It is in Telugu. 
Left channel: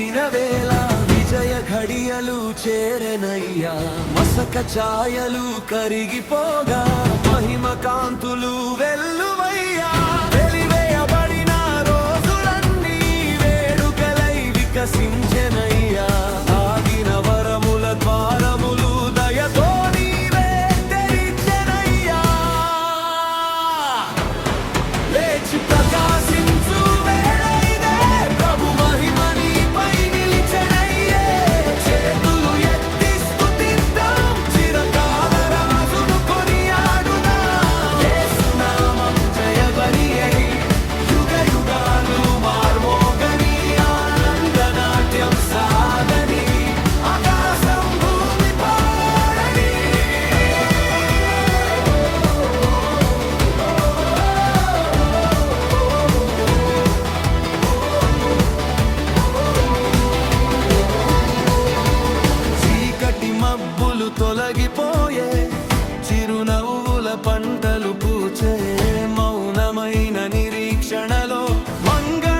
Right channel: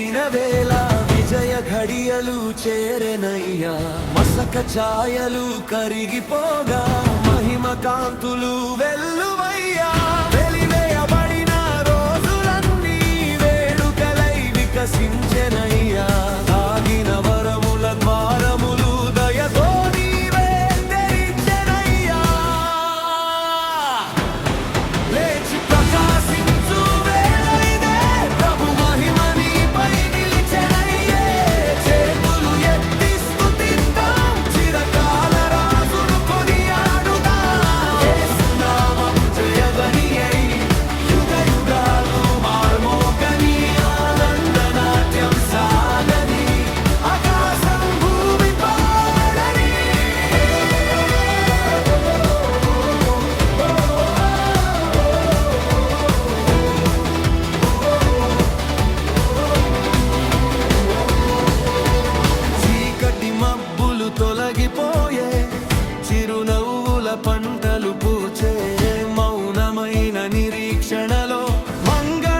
ముగిసిన వేళ విజయ ఘడియలు చేరెనయ్యా. మసక ఛాయలు కరిగిపోగా మహిమ కాంతులు వెల్లువయ్యా. వెలివేయబడిన రోజులన్నీ వేడుకలై వికసించెనయ్యా. ఆగిన వరముల ద్వారములు దయతో నీవే తెరిచెనయ్యా. లేచి ప్రకాశించు వేళ ఇదే, ప్రభు మహిమ నీపై నిలిచెనయ్యే. చేతులు ఎత్తి స్తుతిద్దాం, చిరకాల రాజును కొనియాడుదాం. యేసు నామం జయబలి అయి యుగ యుగాలు మార్మోగని, ఆనంద నాట్యం సాగని, ఆకాశం భూమి పాడని. చీకటి మబ్బులు తొలగిపోయే, చిరునవ్వుల పంటలు పూచే. మౌనమైన నిరీక్షణలో మంగళ